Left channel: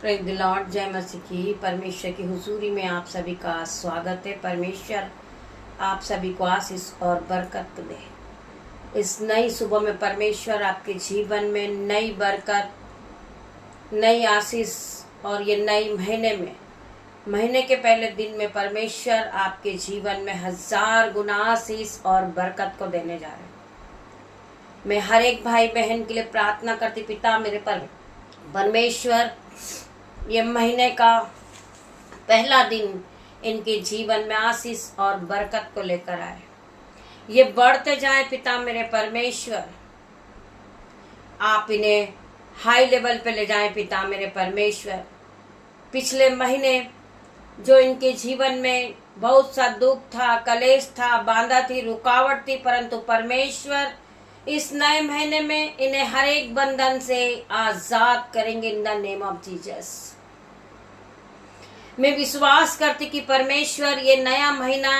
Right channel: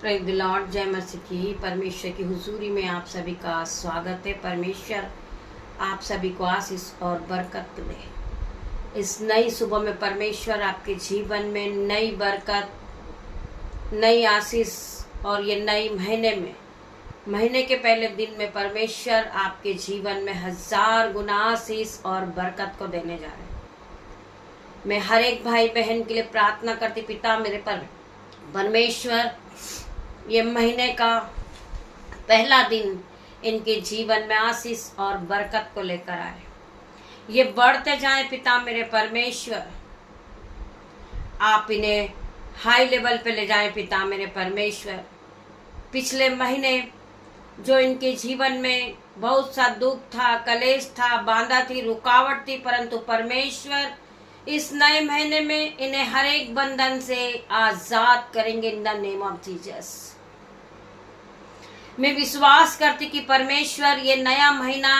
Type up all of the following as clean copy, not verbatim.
Praise the Lord. जय मसीह की। परमेश्वर की हुजूरी में आप सभी का स्वागत है। परमेश्वर आप सभी को आशीष और बरकत दे। इस नई सुबह में परमेश्वर आपके जीवन में नई बरकत, नई आशीष और ये नई महीने के पहले दिन में परमेश्वर आपके जीवन में 1000 गुना आशीष और बरकत को देने जा रहे हैं। मैं हर एक भाई बहन के लिए प्रार्थना करती, पिता मेरे परमेश्वर ये महीने का पहला दिन इनके जीवन में आशीष और बरकत को लेकर आए। ये बढ़ते जाए पिता मेरे परमेश्वर, आप इन्हें हाई लेवल पे ले जाएं पिता मेरे परमेश्वर। पिछले महीने जो इनके जीवन में बहुत सा दुख था, कलेश था, बाधा थी, रुकावट थी, परंतु परमेश्वर इस नए महीने में इन्हें हर एक बंधन से आजाद करेंगे इन द नेम ऑफ जीसस। मैं विश्वास करती कि परमेश्वर ये नया महीना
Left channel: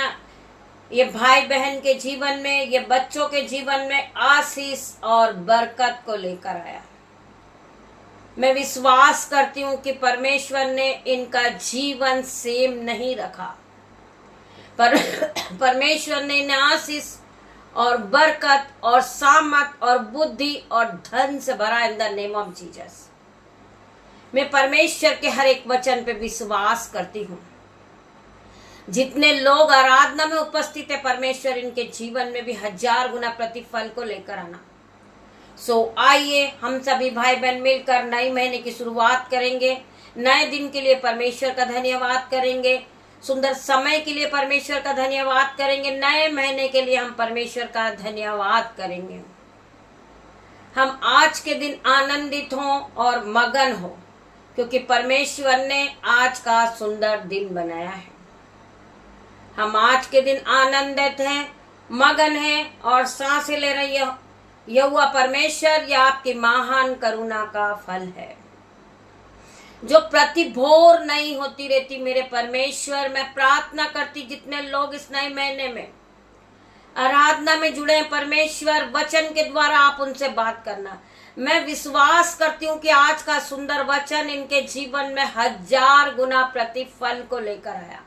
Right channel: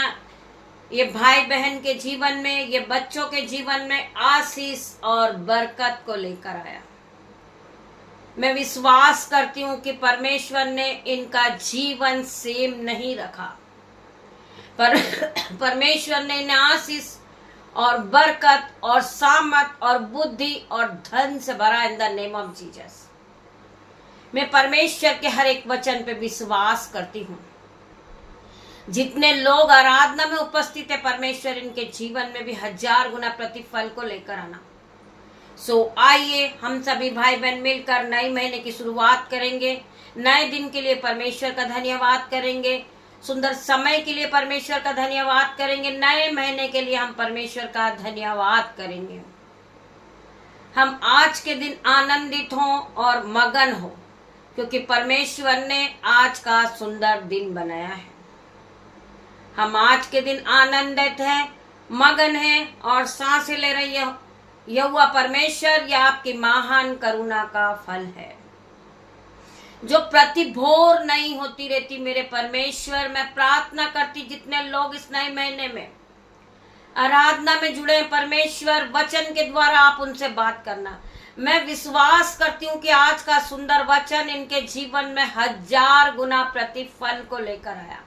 ये भाई बहन के जीवन में, ये बच्चों के जीवन में आशीष और बरकत को लेकर आया। मैं विश्वास करती हूँ कि परमेश्वर ने इनका जीवन सेम नहीं रखा, पर परमेश्वर ने इन्हें आशीष और बरकत और सामर्थ और बुद्धि और धन से भरा इन द नेम ऑफ जीसस। मैं परमेश्वर के हर एक वचन पे विश्वास करती हूँ। जितने लोग आराधना में उपस्थित है, परमेश्वर इनके जीवन में भी 1000 गुना प्रतिफल को लेकर आना। आइए हम सभी भाई बहन मिलकर नए महीने की शुरुआत करेंगे। नए दिन के लिए परमेश्वर का धन्यवाद करेंगे, सुंदर समय के लिए परमेश्वर का धन्यवाद करेंगे, नए महीने के लिए हम परमेश्वर का धन्यवाद करेंगे। हम आज के दिन आनंदित हों और मगन हो, क्योंकि परमेश्वर ने आज का सुंदर दिन बनाया है। हम आज के दिन आनंदित हैं, मगन हैं और सांसें ले रही है। यहोवा परमेश्वर या आपकी महान करुणा का फल है, जो प्रति भोर नहीं होती रहती। मेरे परमेश्वर, मैं प्रार्थना करती जितने लोग इस नए महीने में आराधना में जुड़े हैं, परमेश्वर वचन के द्वारा आप उनसे बात करना। मैं विश्वास करती हूँ कि आज का सुंदर वचन इनके जीवन में 1000 गुना प्रतिफल को लेकर आया।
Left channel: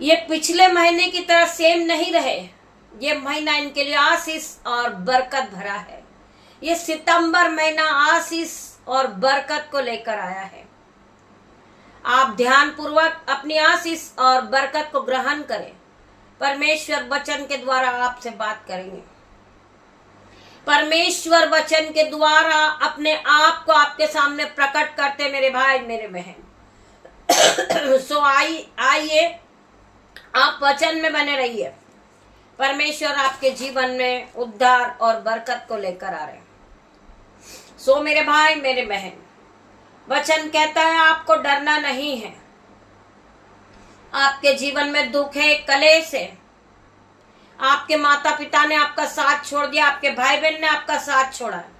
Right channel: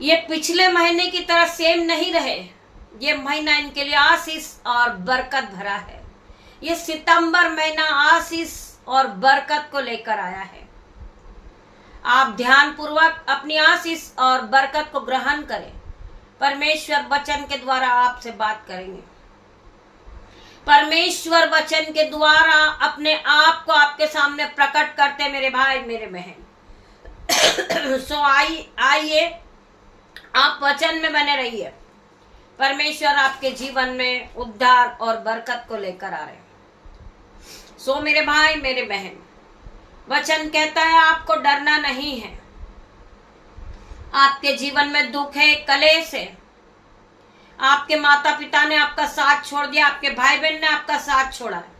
ये पिछले महीने की तरह सेम नहीं रहे। ये महीना इनके लिए आशीष और बरकत भरा है। ये सितंबर महीना आशीष और बरकत को लेकर आया है। आप ध्यान पूर्वक अपनी आशीष और बरकत को ग्रहण करें। परमेश्वर वचन के द्वारा आपसे बात करेंगे। परमेश्वर वचन के द्वारा अपने आप को आपके सामने प्रकट करते मेरे भाई मेरे बहन। आइए आप वचन में बने रहिए। परमेश्वर आपके जीवन में उद्धार और बरकत को लेकर आ रहे हैं। मेरे भाई मेरे बहन, वचन कहता है आपको डरना नहीं है। आपके जीवन में दुख है, कलेश है, आपके माता पिता ने आपका साथ छोड़ दिया, आपके भाई बहन ने आपका साथ छोड़ा है,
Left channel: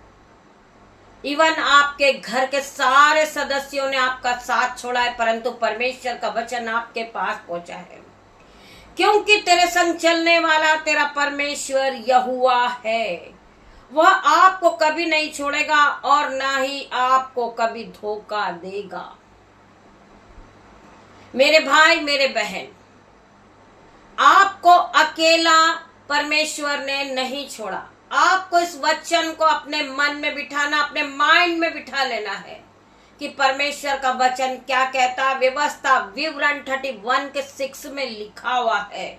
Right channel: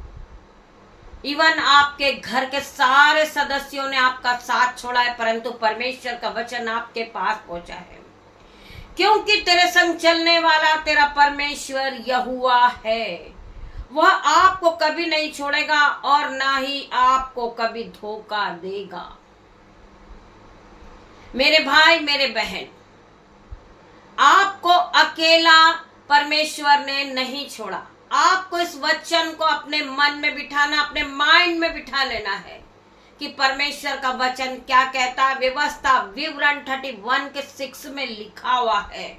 इवन आपके घर के सारे सदस्यों ने आपका साथ छोड़ा है, परंतु परमेश्वर का वचन आपके पास पहुंचा है, क्योंकि तेरे संग चलने वाला तेरा परमेश्वर यहोवा है। वह आपको कभी नहीं छोड़ेगा और ना ही आपको कभी धोखा देगा। मेरे भाई मेरे बहन, आपको अकेला परमेश्वर ने नहीं छोड़ा। आपको इस वचन को अपने मन में बिठाना, अपने माइंड में बिठा लेना है कि परमेश्वर का वचन क्या कहता है। व्यवस्था विवरण 31 के 6 में लिखा हुआ है।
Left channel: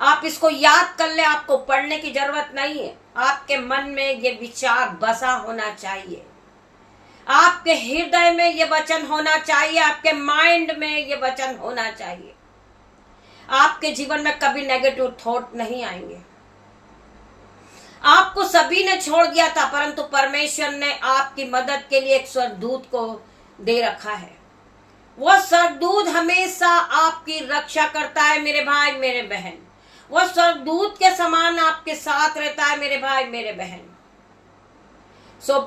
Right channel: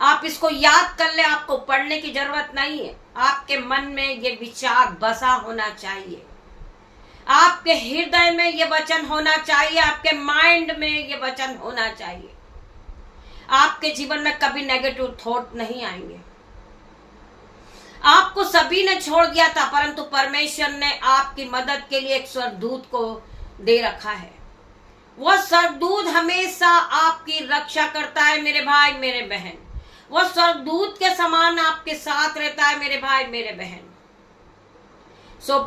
आप इसको याद कर ले, आपको पढ़ने की जरूरत नहीं है। आपके मन में ये विचार बसा होना चाहिए, आपके हृदय में ये वचन होना चाहिए, आपके माइंड में ये वचन होना चाहिए। आपके जीवन में कभी नेगेटिव थॉट नहीं आएंगे। आपको सभी ने छोड़ दिया था, परंतु परमेश्वर ने आपकी मदद के लिए एक स्वर्गदूत को दे रखा है। वह स्वर्गदूत हमेशा आपकी रक्षा करता है मेरे भाई मेरे बहन। वह स्वर्गदूत के समान आपके साथ रहता है मेरे भाई मेरे बहन।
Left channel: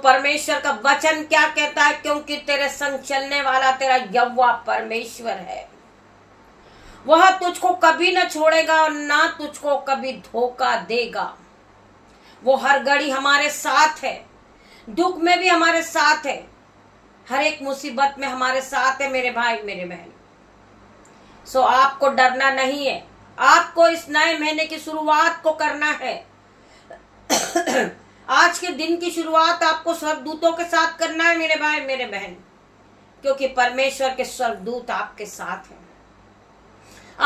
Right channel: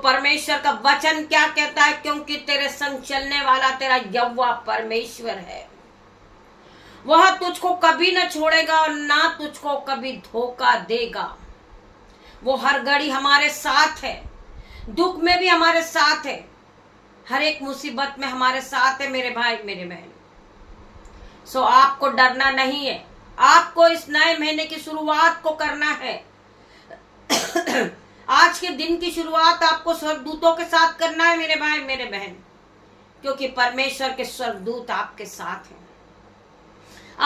परमेश्वर का वचन क्या कहता है? क्योंकि तेरे संग चलने वाला तेरा यहोवा परमेश्वर है। वह तुझको कभी न छोड़ेगा और ना तुझको कभी धोखा देगा। वो हर घड़ी हमारे साथ है, दुख में भी हमारे साथ है, हर एक मुसीबत में हमारे साथ है मेरे भाई मेरे बहन। सो आपको डरना नहीं है, आपको इस नए महीने की शुरुआत को करना है। आज के दिन की शुरुआत आपको स्वर्गदूतों के साथ करना है मेरे भाई मेरे बहन, क्योंकि परमेश्वर के स्वर्गदूत आपके साथ हैं।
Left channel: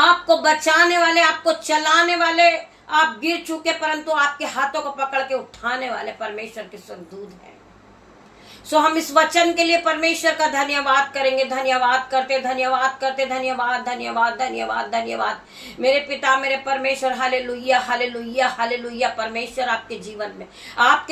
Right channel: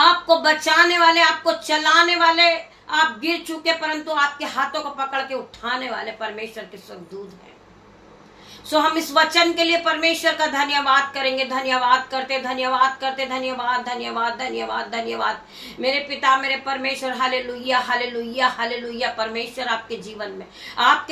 आपको बचाने वाले, आपको चलाने वाले, आप गिर चुके परंतु आपके हाथों को पकड़ के उठाने वाले परमेश्वर के स्वर्गदूत हैं। सो हम इस वचन के लिए परमेश्वर का धन्यवाद करेंगे। धन्यवाद करते धन्यवाद करते धन्यवाद धन्यवाद धन्यवाद धन्यवाद मेरे पिता मेरे परमेश्वर। Hallelujah hallelujah hallelujah. परमेश्वर आपके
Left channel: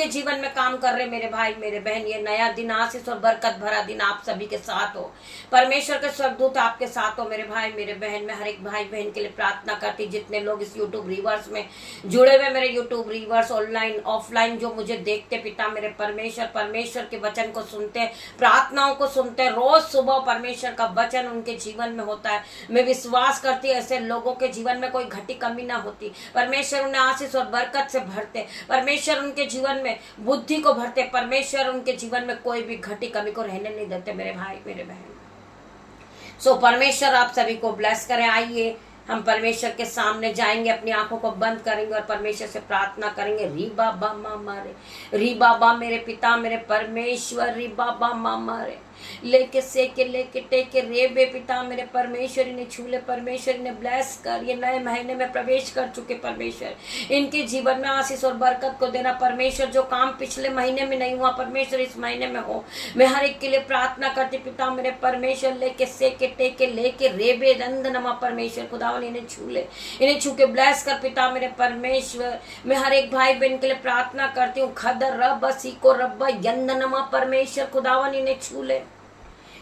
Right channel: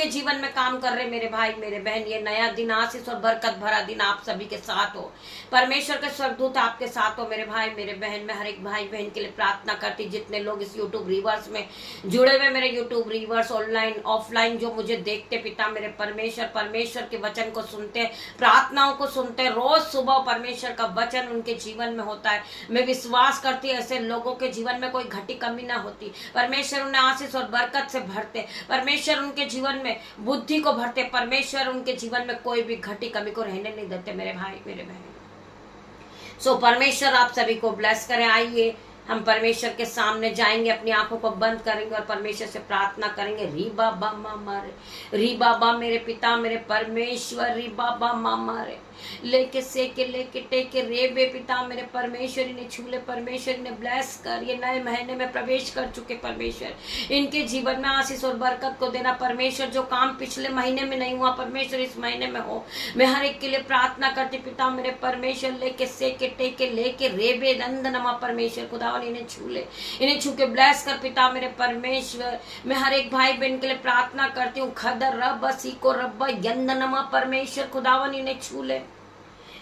जीवन में काम कर रहे मेरे भाई मेरे बहन। ये नया दिन आशीष और बरकत भरा दिन आप सभी के साथ हो। परमेश्वर के स्वर्गदूत आपके साथ हो मेरे भाई मेरे बहन। मैं हर एक भाई बहन के लिए प्रार्थना करती, जितने लोग इस यूट्यूब रिवर्स में जुड़े हुए, मेरे यूट्यूब रिवर्स ऑनलाइन ऑफलाइन जो मुझे देखते पिता मेरे परमेश्वर के वचन को सुनते, प्रार्थनाओं को सुनते, रोज सुबह परमेश्वर का वचन उनके जीवन में होता है। मैं विश्वास करती ऐसे लोगों के जीवन में कोई घटी कमी ना होती। परमेश्वर उन्हें आशीष और बरकत से भरते, परमेश्वर उनके जीवन में बुद्धि को भरते, परमेश्वर उनके जीवन में कोई भी घटी कमी को रहने नहीं देते मेरे भाई मेरे बहन। सो परमेश्वर आप सभी को ब्लेस करें। आइए हम परमेश्वर के सामने जाएंगे, अपनी आंखों को बंद करेंगे और परमेश्वर से प्रार्थना करेंगे। री बाबा मामा रे, री बाबा मेरे पिता मेरे परमेश्वर, री बाबा मामा रे, लेके सेके लेके टेके रे बे पिता मेरे परमेश्वर, इन्हें छूले परमेश्वर, इन्हें ब्लेस कर। ये नए महीने में प्रवेश कर चुके परमेश्वर, इनके जीवन में आशीष और बरकत को देना परमेश्वर। जो काम पिछले महीने में नहीं हुआ परमेश्वर इस महीने में हो। मैं हर एक के लिए प्रार्थना करती पिता मेरे परमेश्वर, लेके सेके टेके लेके रे बे नंद नमा परमेश्वर खुदावन, इन्हें छूले, इन्हें छू के ब्लेस कर पिता मेरे परमेश्वर। मैं हर एक भाई बहन के लिए प्रार्थना करती हूँ। खदर रब सीको रब्बा यंदनमा परमेश्वर खुदावन, इन्हें छूले,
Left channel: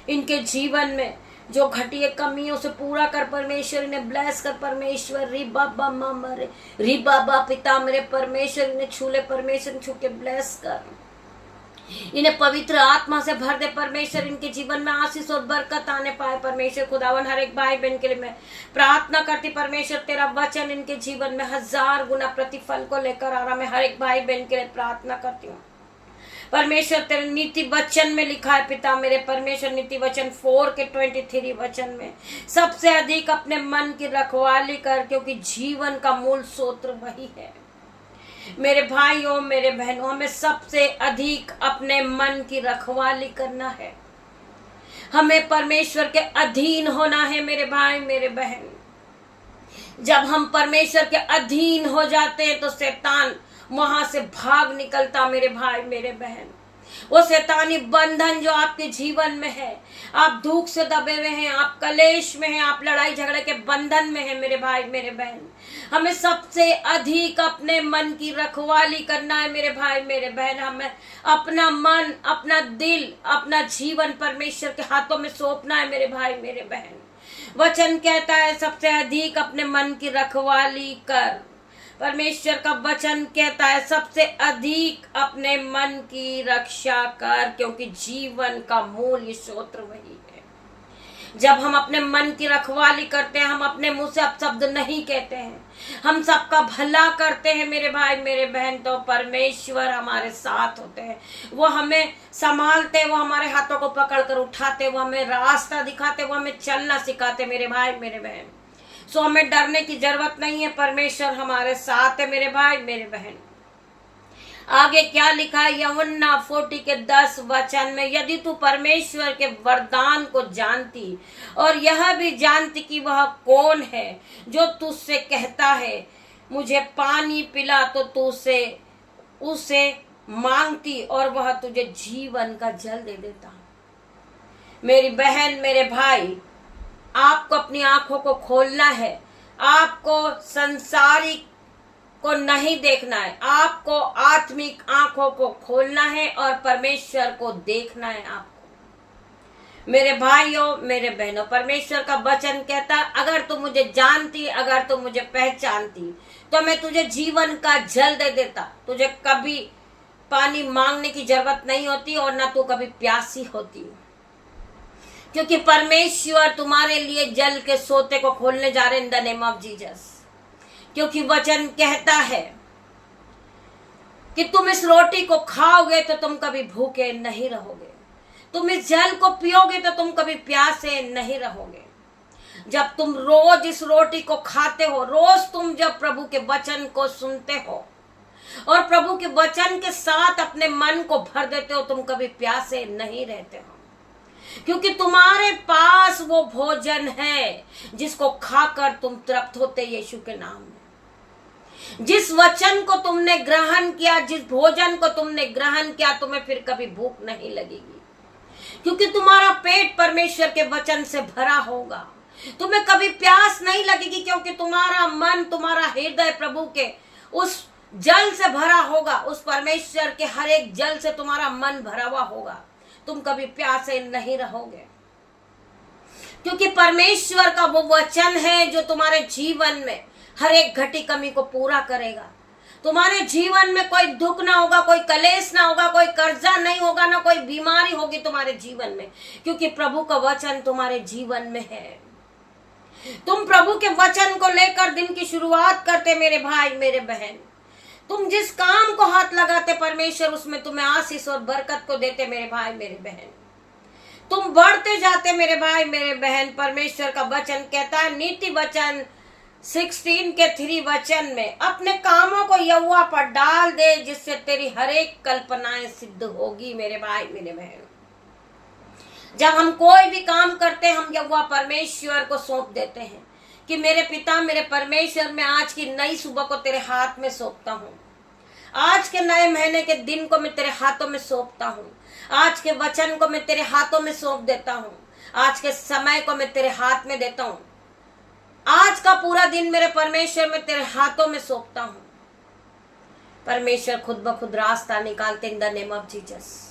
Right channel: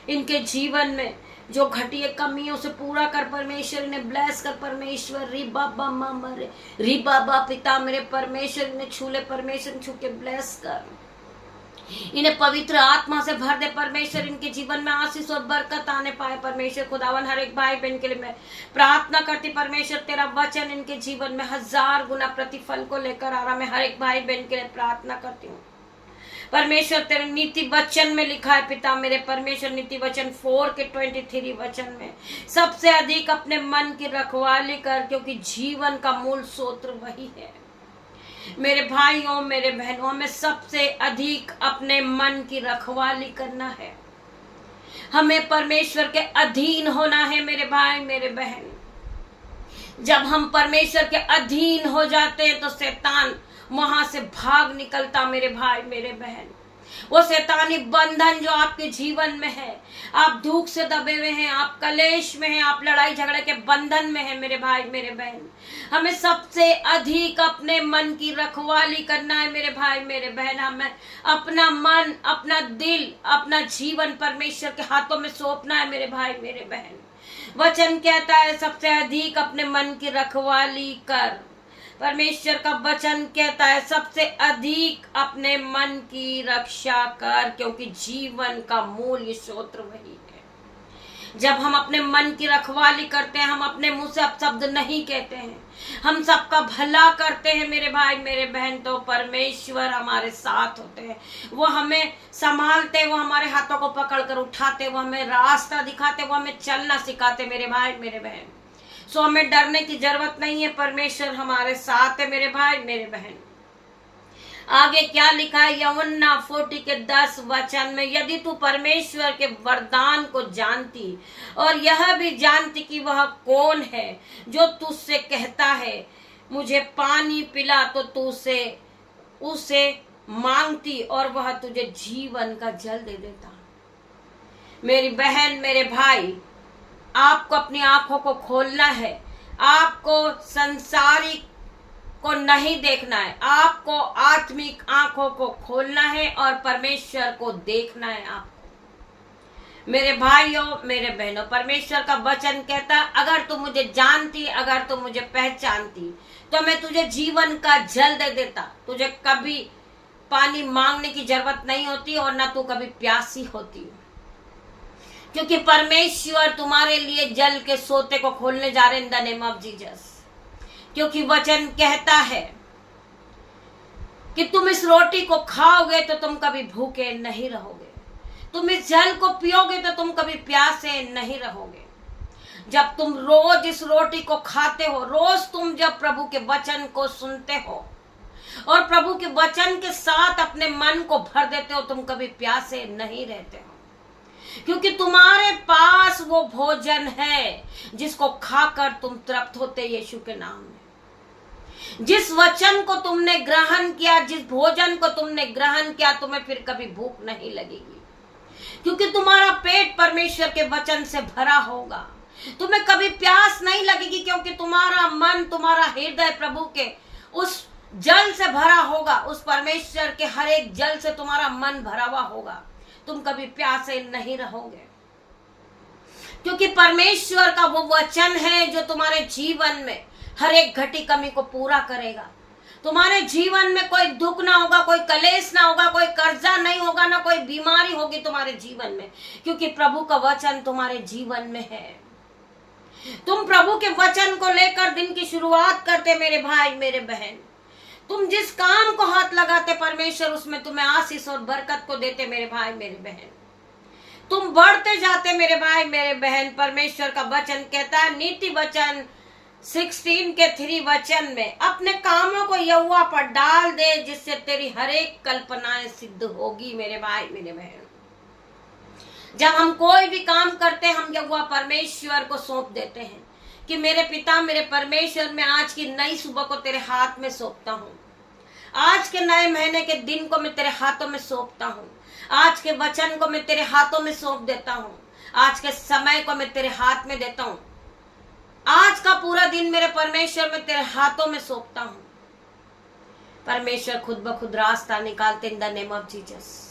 इनके जीवन में जो घटिया कमियों से पूरा कर परमेश्वर, इन्हें ब्लेस कर परमेश्वर। री बाबा मामा रे, री बाबा पिता मेरे परमेश्वर, इन्हें छूले परमेश्वर, छू के ब्लेस कर, इन्हें पवित्र आत्मा से भर दे परमेश्वर। इनके जीवन में आशीष और बरकत आने पाए परमेश्वर खुदावन। हर एक भाई बहन के लिए मैं प्रार्थना करती परमेश्वर, तेरा वचन इनके जीवन में 1000 गुना प्रतिफल को लेकर आ रहा। मैं हर एक भाई बहन के लिए प्रार्थना करती हूँ परमेश्वर। तेरे नीति वचन में लिखा है पिता मेरे परमेश्वर, नीति वचन 4 के 23 वचन में, सबसे अधिक अपने मन की रखवाली कर, क्योंकि जीवन का मूल स्रोत वही है। मेरे भाइयों मेरे बहनों, हमें सबसे अधिक अपने मन की रखवाली करना है। हमें परमेश्वर के अधीन होना है मेरे भाई मेरे बहन। जब हम परमेश्वर के अधीन हो जाते हैं तो शैतान वहां से भाग निकलता मेरे भाई मेरे बहन। वो शैतानी बंधन जो आपके जीवन में है, आप दुख से दबे हुए हैं, आप कलेश में हैं, आप लड़ाई झगड़े के बंधन में हैं मेरे भाई मेरे बहन। हमें सबसे अधिक अपने मन की रखवाली करना है मेरे भाई मेरे बहन। हमें अपना मन, अपना दिल, अपना जीवन परमेश्वर के हाथों में सौंपना है मेरे भाई मेरे बहन। वचन कहता है सबसे अधिक अपने मन की रखवाली कर। परमेश्वर का वचन कहता है सबसे अधिक अपने मन की रक्षा कर, क्योंकि जीवन का मूल स्रोत वही है। जब हम अपने मन की रखवाली करते हैं, हम अपने मुंह से अपशब्द नहीं कहते हैं, हम सबका भला करते हैं मेरे भाई मेरे बहन, तो परमेश्वर हमारे साथ होते हैं। वो हमें संभालते, वो हमारे हाथों को पकड़कर उठाते, वो हमें रास्ता दिखाते, वो हमें चलना सिखाते मेरे भाई मेरे बहन। सो हमें डरने की जरूरत नहीं है, परमेश्वर हमारे साथ है मेरे भाई मेरे बहन। आगे क्या लिखा है यूहन्ना 40 के 10 वचन में, यदि तू परमेश्वर के वरदान को जानती और यह भी जानती कि वह कौन है जो तुझसे कहता है मुझे पानी पिला, तो तू उसे मांगती और वह तुझे जीवन का जल दे देता। मेरी बहन मेरे भाई, आपको अपनी आंखों को खोलना है। आपको संसारिक को नहीं देखना है, आपको आत्मिक आंखों को खोलना है और परमेश्वर को देखना है आपको। मेरे भाइयों मेरे बहनों, परमेश्वर का वचन कहता है अगर तू मुझे जानती, अगर तू मुझे पहचानती, तो मैं तुझे जीवन का जल दे देता। तुझे कभी पानी मांगने की जरूरत नहीं होती और ना तू कभी प्यासी होती, क्योंकि परमेश्वर तुम्हारे लिए जल के सोते को खोलने जा रहे in the name of Jesus. क्योंकि वचन कहता है कि तुम इस रोटी को खाओगे तो तुम कभी भूखे नहीं रहोगे, तुम इस जल को पियोगे तो तुम कभी प्यासे नहीं रहोगे। जब तुम रोज इस रोटी को खाते हो, रोज तुम जब प्रभु के वचन को सुनते हो और प्रभु के वचन के साथ अपने मन को भर देते हो, तुम कभी प्यासे नहीं रहते हो, क्योंकि तुम्हारे पास वो भोजन है जिसको खाकर तुम तृप्त होते यीशु के नाम में। जिस वचन को तुमने ग्रहण किया, जिस भोजन को तुमने ग्रहण किया, तुम्हें फिर कभी भूख नहीं लगेगी, क्योंकि तुम्हारा पेट परमेश्वर के वचन से भरा होगा। तुम्हें कभी प्यास नहीं लगेगी, क्योंकि तुम्हारा मन, तुम्हारा हृदय प्रभु के उस जल से भरा होगा। उस परमेश्वर के हर एक जल से तुम्हारा मन भरा हुआ होगा। तुम कभी प्यासे नहीं रहोगे, क्योंकि परमेश्वर का वो वचन है जो तुम्हारे जीवन में हर एक घटी कमी को पूरा करेगा। तुम्हारे जीवन में कोई दुख ना होगा, कोई कलेश ना होगा, कोई कर्जा नहीं होगा, ना कोई बीमारी होगी तुम्हारे जीवन में, क्योंकि प्रभु का वचन तुम्हारे जीवन में है। तुम प्रभु के वचन को लेकर दिन की शुरुआत करते मेरे भाई मेरे बहन। तुम जिस काम को हाथ लगाते परमेश्वर उसमें तुम्हें आशीष और बरकत को देते मेरे भाई मेरे बहन। तुम बढ़ते जाते मेरे भाई मेरे बहन। परमेश्वर का वचन कहता है नीति वचन 16 के 3 वचन में, अपने कामों को यहोवा पर डाल दे जिससे तेरी हर एक कल्पनाएं सिद्ध होगी मेरे भाई मेरे बहन। जब हम कोई भी काम करते हैं, हम यहोवा परमेश्वर को सौंप देते हैं कि मेरे पिता मेरे परमेश्वर, मैं आज की नई सुबह को तेरे हाथ में सौंपता हूँ। आज के नए महीने के दिन को मैं तेरे हाथों में सौंपता हूँ। आज के वचन को मैं तेरे हाथों में सौंप देता हूँ। आज के समय को मैं तेरे हाथ में देता हूँ। आज का पूरा दिन मेरे परमेश्वर में तेरे हाथों में सौंपता हूँ। परमेश्वर खुद ब खुद रास्ता निकालते इन द नेम ऑफ जीसस।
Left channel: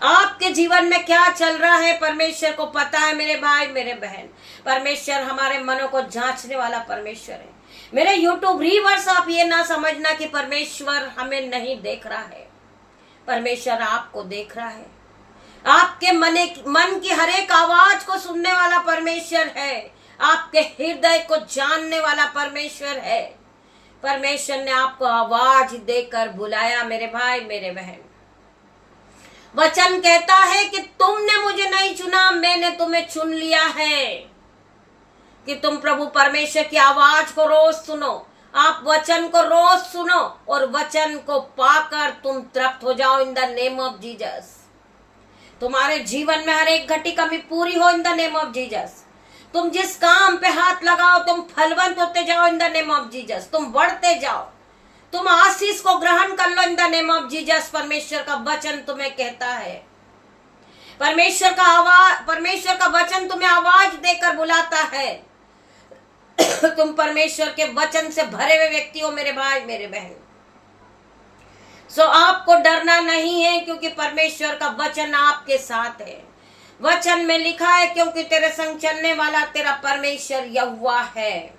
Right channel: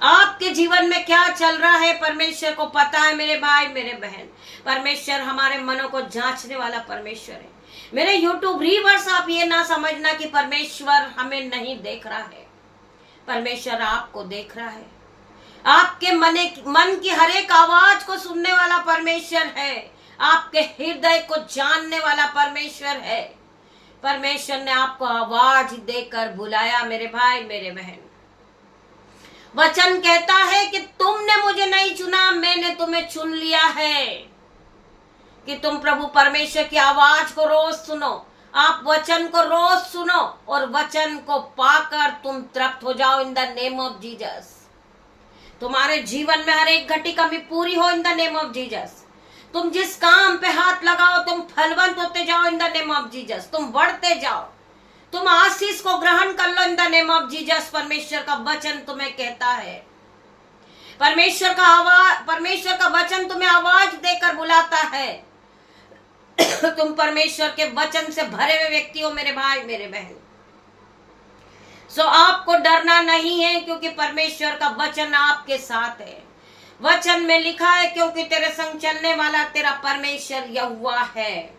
आपके जीवन में क्या चल रहा है परमेश्वर को पता है मेरे भाई मेरे बहन। परमेश्वर हमारे मनों को जांचने वाला परमेश्वर है। मेरे यूट्यूब व्यूअर्स, आप ये ना समझना कि परमेश्वर हमें नहीं देख रहा है। परमेश्वर आपको देख रहा है। आपके मन की हर एक आवाज को सुनने वाला परमेश्वर है। आपके हृदय को जानने वाला परमेश्वर है। परमेश्वर ने आपको आवाज देकर बुलाया मेरे भाई मेरे बहन। वचन कहता है कि तुमने मुझे नहीं चुना, मैंने तुम्हें चुन लिया है कि तुम प्रभु परमेश्वर की आवाज को रोज सुनो। आप वचन को रोज सुनो और वचन को पाकर तुम तृप्त हो जाओ in the name of Jesus. तुम्हारे जीवन में हर एक घटी कमी पूरी हो इन द नेम ऑफ जीसस। तुम जिस काम पे हाथ लगाओ तुम फलवंत होते जाओ in the name of Jesus. तुम बढ़ते जाओ, तुम आशीष को ग्रहण कर लो in the name of Jesus. परमेश्वर का वचन तुम्हें कहता है, परमेश्वर का वचन तुम्हें आवाज देकर बुलाता है। तुम परमेश्वर के वचन से भरे हुए व्यक्ति हो मेरे भाई मेरे बहन। सो आपको डरना नहीं है, क्योंकि परमेश्वर का वचन आपके साथ है। वचन में लिखा है क्योंकि तेरे संग चलने वाला तेरा परमेश्वर यहोवा है।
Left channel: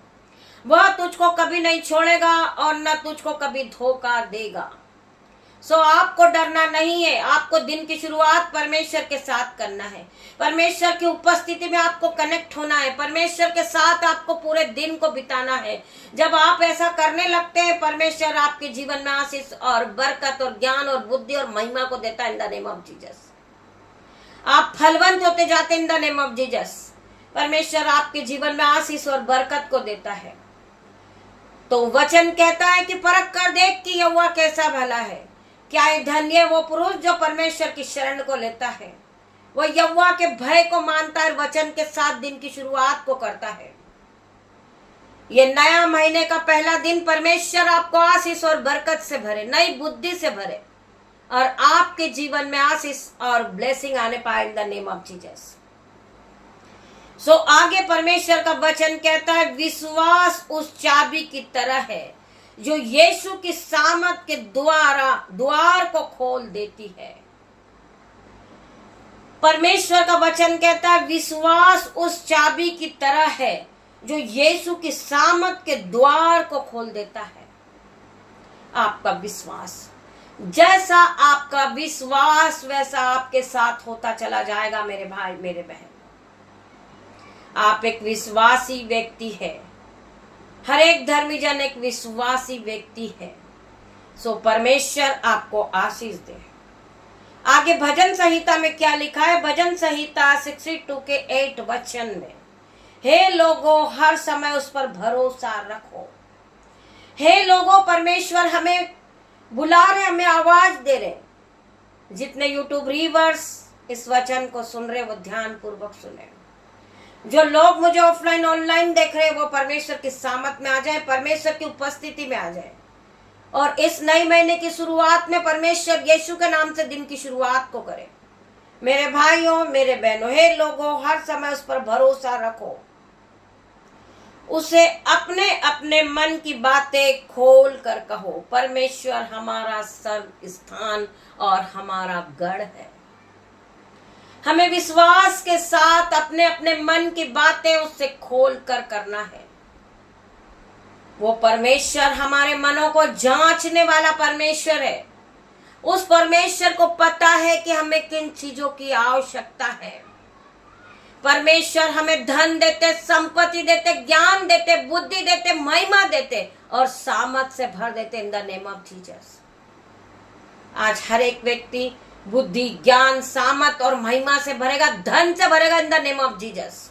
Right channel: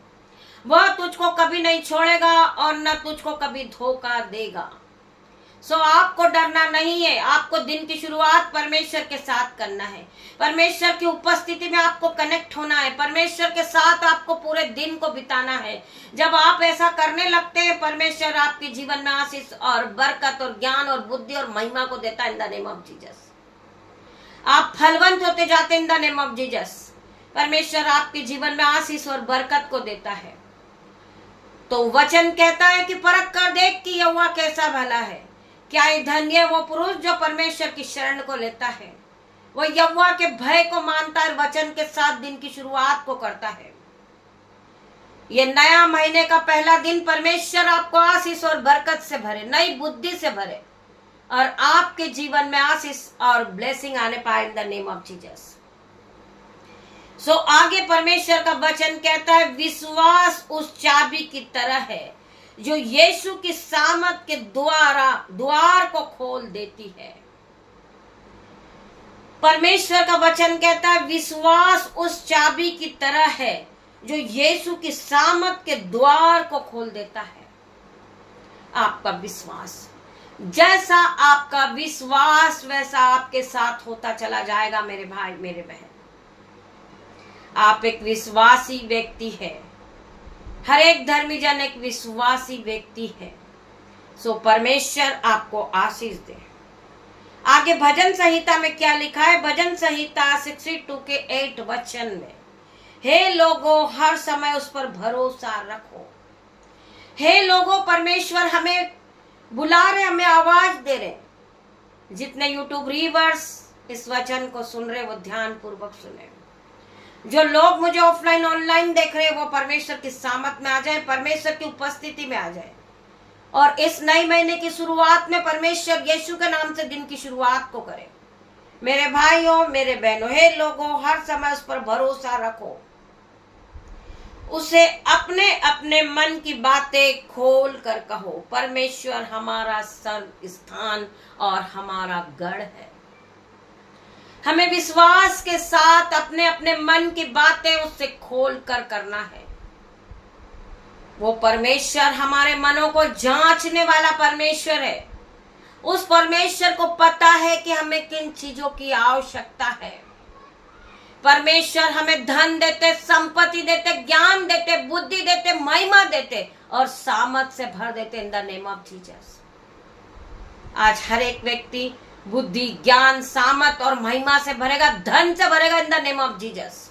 वह तुझको कभी नहीं छोड़ेगा और न तुझको कभी धोखा देगा। सो आपको डरना नहीं है। आपको दिन की शुरुआत परमेश्वर के साथ करना है। परमेश्वर की उपस्थिति में आपको कनेक्ट होना है। परमेश्वर के साथ आपको पूरे दिन को बिताना है। जब आप ऐसा करने लगते हैं, परमेश्वर आपके जीवन में आशीष और बरकत और ज्ञान और बुद्धि और महिमा को देता है इन द नेम ऑफ जीसस। आप फलवंत होते जाते इन द नेम ऑफ जीसस। परमेश्वर आपके जीवन में आशीष और बरकत को देता है। तो वचन कहता है कि परख कर देख कि यहोवा कैसा भला है। क्या धन्य है वो पुरुष जो परमेश्वर की शरण को लेता है, वो यहोवा के भय को मानता है, वचन के साथ दिन की शुरुआत को करता है। ये नया महीने का पहला दिन परमेश्वर आपको आशीष और बरकत से भरे, नई बुद्धि से भरे और आपके जीवन में आशीष और ब्लेसिंग आने पाए in the name of Jesus. So आगे परमेश्वर का वचन कहता है विश्वास उस चाबी की तरह है जो यीशु की सामर्थ के द्वार को खोल देती है। परमेश्वर का वचन कहता है विश्वास उस चाबी की तरह है जो यीशु की सामर्थ के द्वार को खोल देता है। आपका विश्वास, जैसा आपका विश्वास वैसा आपके साथ होता चला जाएगा मेरे भाई मेरे बहन। आप एक विश्वासी व्यक्ति है। हर एक धर्मी जन एक विश्वासी व्यक्ति है। सो परमेश्वर आपको आशीष दे, आगे भजन संहिता में क्या लिखा है? भजन संहिता 62 के 8 वचन में, हे लोगों हर समय उस पर भरोसा रखो। हे लोगों, परमेश्वर हमें बुला रहे, हमें आवाज दे रहे। जितने यूट्यूब रीवर्स इस वचन को सुन रहे वो ध्यान पूर्वक सुने। जो लोग मुझे ऑफलाइन ऑनलाइन देख रहे वो परमेश्वर की सामत में आ जाए, परमेश्वर की उपस्थिति में आ जाए, और इस नए महीने की शुरुआत में परमेश्वर यीशु के नाम से दिन की शुरुआत को करे। मेरे भाइयों, मेरे बहनों, हे लोगों हर समय उस पर भरोसा रखो, उसे अपने अपने मन की बातें खोल कर कहो। परमेश्वर हमारा सर्व स्थान और हमारा गढ़ है। हमें विश्वास के साथ अपने अपने मन की बातें उससे खोल कर करना है। वो परमेश्वर हमारे मनों को जांचने वाला परमेश्वर है। उस परमेश्वर को पता है कि हमें किन चीजों की आवश्यकता है। परमेश्वर हमें धन देते, संपत्ति देते, ज्ञान देते, बुद्धि देते, महिमा देते और सामर्थ से भर देते इन द नेम ऑफ जीसस। आज हर एक व्यक्ति बुद्धि, ज्ञान, सामर्थ और महिमा से भरेगा, धन से भरेगा इन द नेम ऑफ जीसस,